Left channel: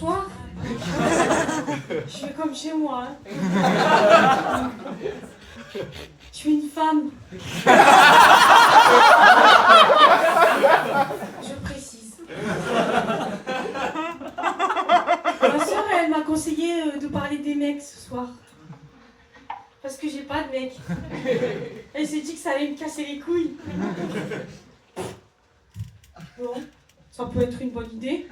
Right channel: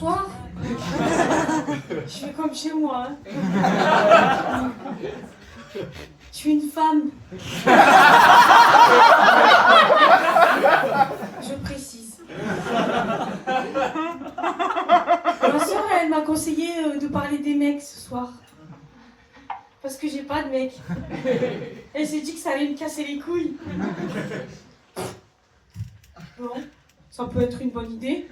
Bonsoir. Je fais comme chez moi. Hein. Je suis une femme. Je précise. Ma soeur, elle m'a conseillé de parler des mecs ce soir. Parce que j'ai pas de mec. Elle s'est dit que ça allait me casser les couilles. Bon, ça peut être une bonne idée.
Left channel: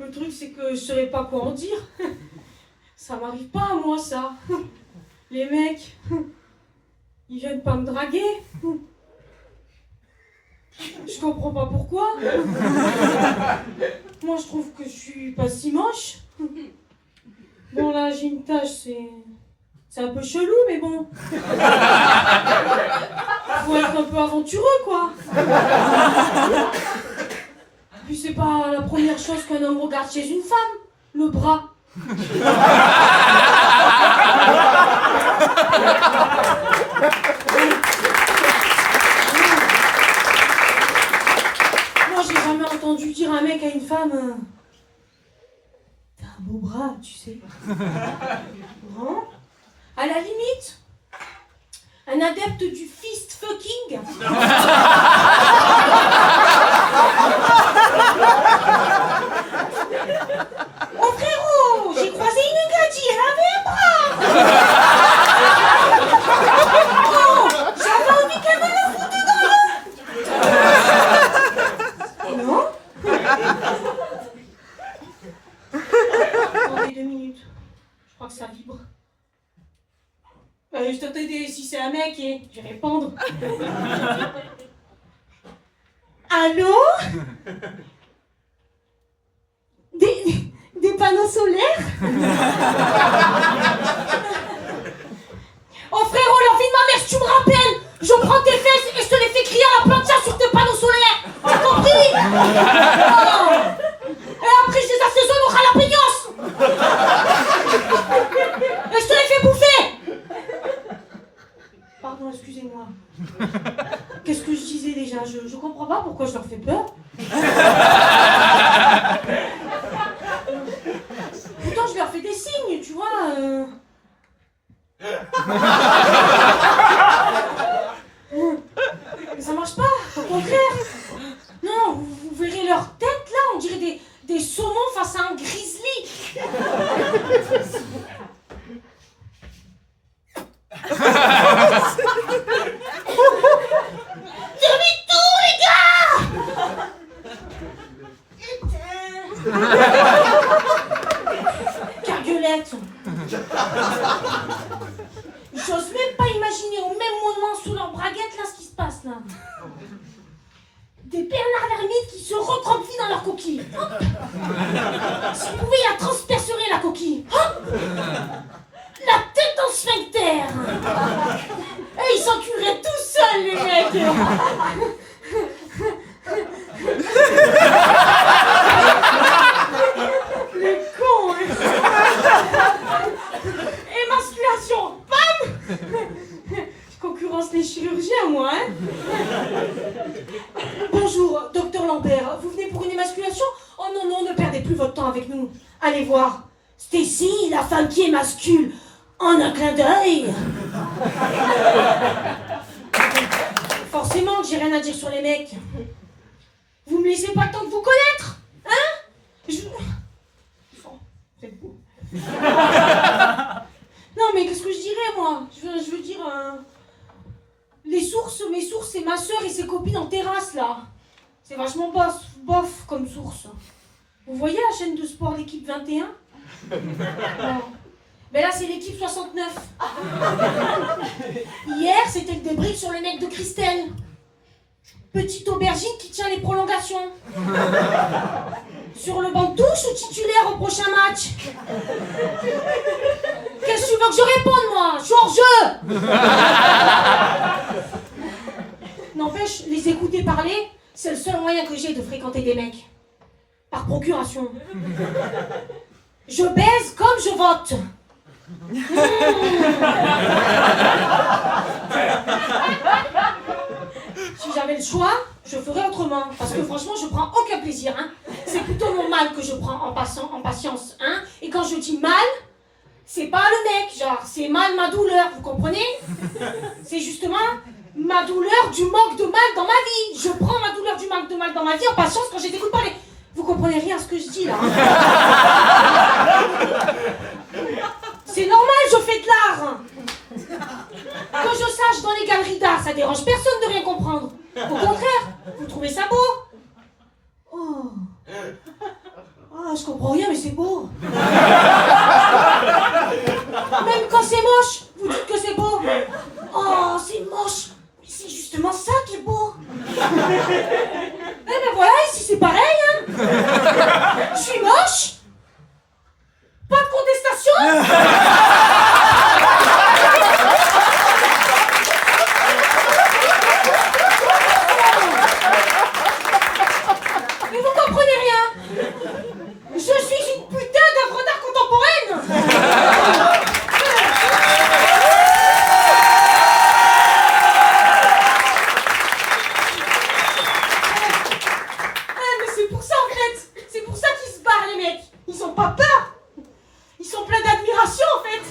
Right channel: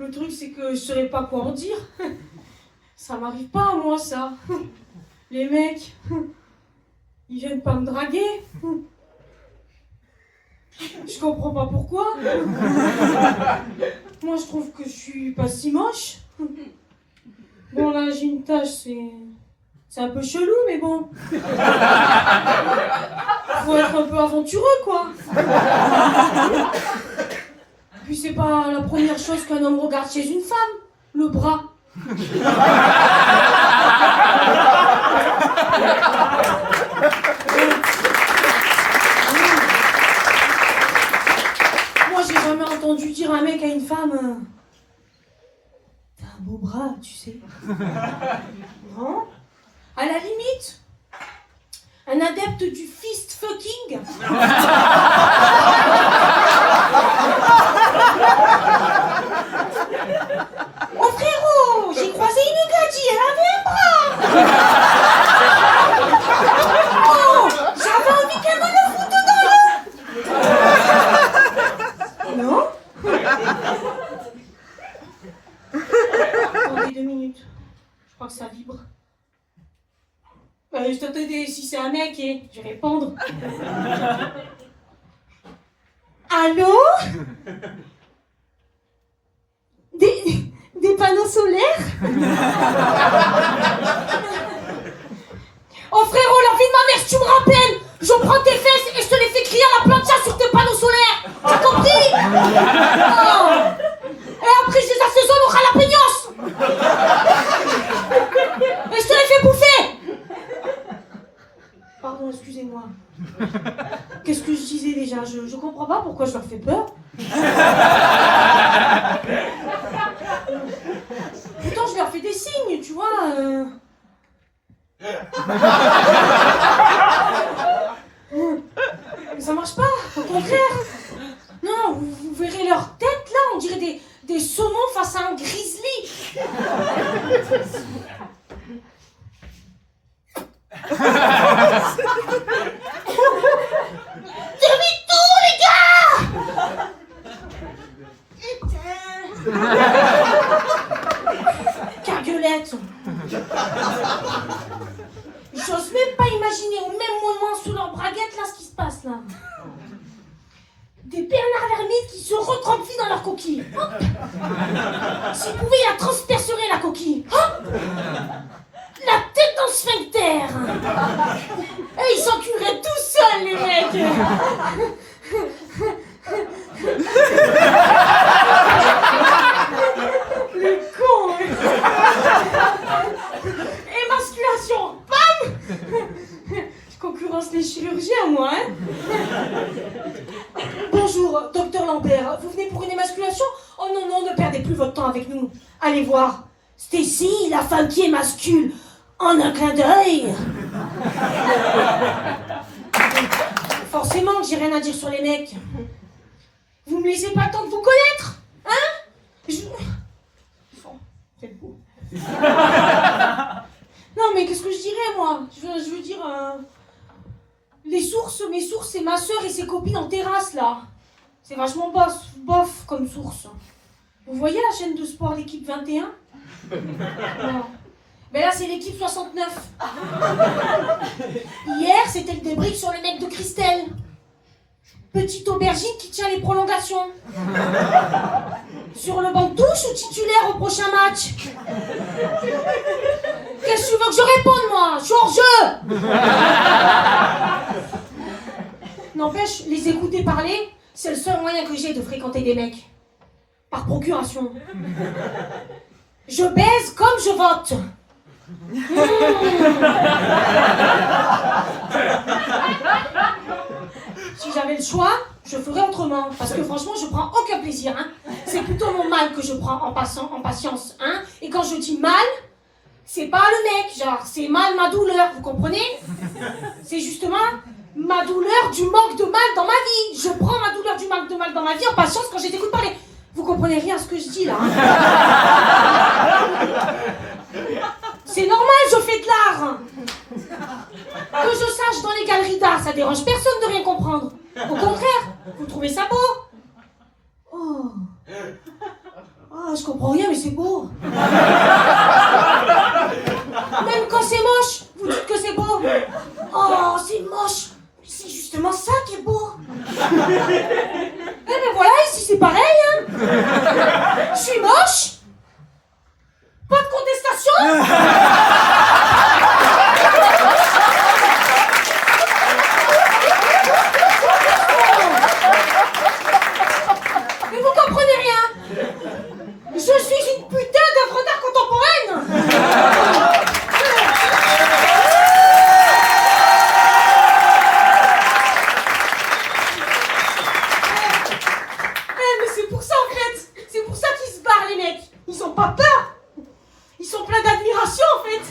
Le truc, c'est que je saurais pas quoi en dire. Ça m'arrive pas à moi, ça. Les mecs, ils viennent pas me draguer. Je comprends pas pourquoi. Moi, je trouve que je suis pas si moche. Bon, là, j'ai une tache, c'est un peu chelou, mais bon. Faut être un peu aventureux, quoi. Puis c'est pas la première chose qu'un homme regarde chez une femme, le bras. Moi, j'ai jamais entendu dire un mec à une femme t'as un beau bras, tu sais. Non. À la limite, un adepte du fist fucking. Oh frérot, j'ai croisé une gadji, elle avait un bras. Oh, j'avais envie qu'elle me le foute dans le... Non. Attendez 2 minutes. Je crois que ça vibre. Je t'attendais si c'est un mec et je vais répondre. Allô? Des panneaux solaires? Oh frérot, la vie de ma mère, si tu me rappelles, je prends tes fesses et je te les fais crier à la plancha sur tes panneaux solaires. T'as compris? Oh. Et après, je les assaisonne au jalapeños. Et je te les fais bouffer. Pardon, excusez-moi. Qu'est-ce que je disais déjà? Je comprends pas pourquoi je leur fais peur. Pourtant, je leur fais des signes, tu vois. Mais ça marche pas, au contraire. Non, vous verrez leur tête là, on dirait des saumons face à un grizzly. Demi-tour, les gars! Carguelette. J'ose même pas imaginer au même moment sous leur braguette là ce qui se passe là. Des Bernard l'ermite qui se recroquevillent dans leur coquille. S'ils pouvaient, la transperceraient la coquille. La tête dans le sphincter. Et ils s'enculeraient tout seuls, les mecs. Les cons, hein. Émasculation, bam. Je concurrence les chirurgiens, moi, hein. Bonjour, docteur Lambert. Vous venez pour une émasculation? Oh non, non, ne perdez plus votre temps avec nous. Allez voir. Stacy, la femme qui émascule. En un clin d'œil. Forcément que j'ai rien à dire sur les mecs. Vous me laissez pas le temps de vous connaître, hein? C'est beau. Non mais qu'est-ce que je dirais moi? Je veux dire... mes sources, c'est ma soeur et ses copines en terrasse là. C'est vachement bof comme source. Vous voyez la chaîne de sport l'équipe 21? Non. Mais là, c'est l'équipe 69. Hier, c'était le débrief sur le mec de Christelle. Petite aubergine qui tient les prolongations. Sur le banc de touche ou titulaire au prochain match? Qu'est-ce que tu veux que je réponde, moi? Je suis hors jeu. N'empêche, les écouter parler, c'est le seul moyen que j'ai de fréquenter des mecs. Par procuration. Je baise comme je vote. Si j'avais le choix, je ferais autrement. Parce que franchement, je prends aucun plaisir. Hein. c'est plutôt mon mal que je prends en patience, hein. Et quand je dis mal, c'est pas le mec, genre, c'est mal ma douleur, vous comprenez? C'est justement ma douleur du manque de mal dans ma vie. Je prends ma douleur du manque de mal dans ma vie en patience quand je t'écoute parler. Vous comprenez rien à ce que je dis là, hein. C'est normal, je fais de l'art. Que je sache dans les galeries d'art, ça dérange personne de rien comprendre. Au contraire, vous trouvez ça beau? Oh. Ah, je comprends rien, mais c'est beau. Même quand c'est moche, vous dites que c'est beau. Oh, c'est moche. Mais c'est justement ça qui est beau. Eh ben voilà, ici c'est pareil, hein. Je suis moche. Pas de contestation. Mais vous comprenez rien. Je suis une putain d'œuvre d'art contemporaine. Mais c'est pour ça en fait. C'est pour ça qu'ils se barrent les mecs. Ils ont pas peur. Ils sont pleins d'admiration en fait.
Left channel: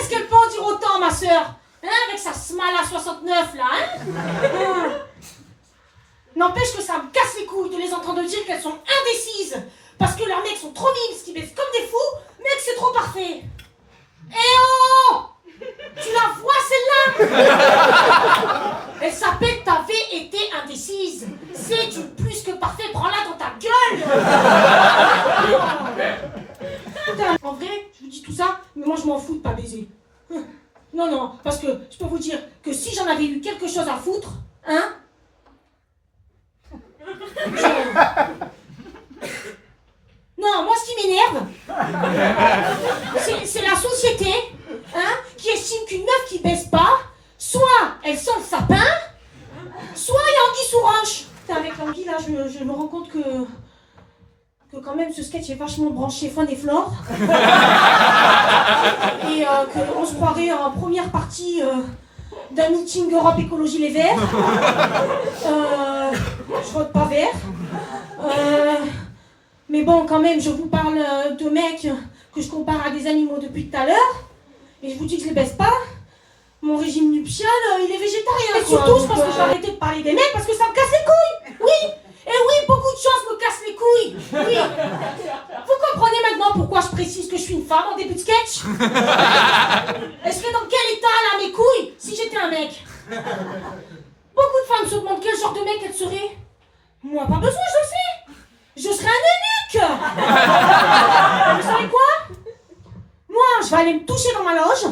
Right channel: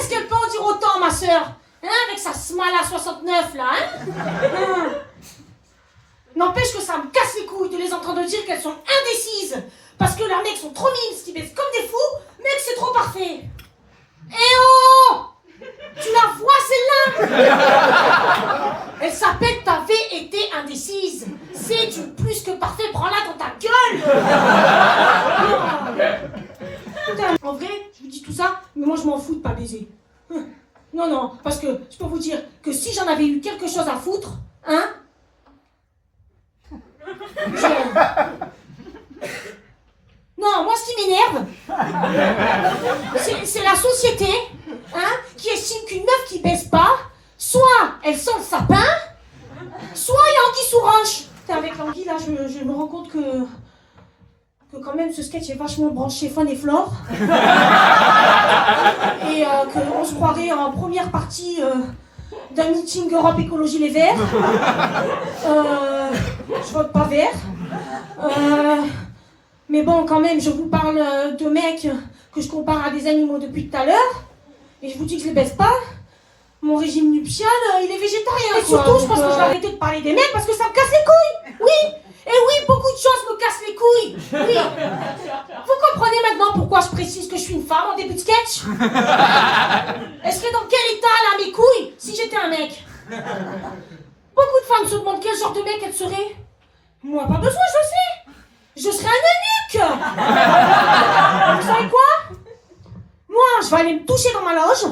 Est-ce qu'elle peut en dire autant ma sœur, hein, avec sa smala 69 là, hein. N'empêche que ça me casse les couilles de les entendre dire qu'elles sont indécises parce que leurs mecs sont trop mimes, qui baissent comme des fous, mec c'est trop parfait. Eh oh, tu la vois celle-là? Elle s'appelle t'avais été indécise. C'est du plus que parfait, prends-la dans ta gueule. Putain, en vrai, je vous dis tout ça, mais moi je m'en fous de pas baiser. Non, non, parce que je peux vous dire que si j'en avais eu quelque chose à foutre, hein. Non, moi ce qui m'énerve, c'est la société, hein, qui estime qu'une meuf qui baisse pas, soit elle sent le sapin, soit il y a anguille sous roche. Putain, avec l'anguille là, je me rends compte que quand même ce sketch est vachement branché faune et flore. Et qu'on se croirait en première partie d'un meeting Europe Écologie Les Verts. Je vote pas vert. Mais bon, quand même, je vous parle de mecs que je compare à des animaux depuis tout à l'heure. Et je vous dis que je les baisse pas. Mon régime nuptial, il est végétarien. Et surtout, je pense que je vais arrêter de parler des mecs parce que ça me casse les couilles. Oui. Et oui, beaucoup de choses me cassent les couilles. Oui. Vous comprenez maintenant pourquoi je précise que je suis une femme en début de sketch? Est-ce que dans quel état, là, mes couilles, si j'étais un mec? Beaucoup de femmes se demandent quel genre de mec elle serait. Moi, pas besoin, je le sais. Je serais un eunuque. Vous savez quoi? Moi, je vais aller me toucher dans ma loge.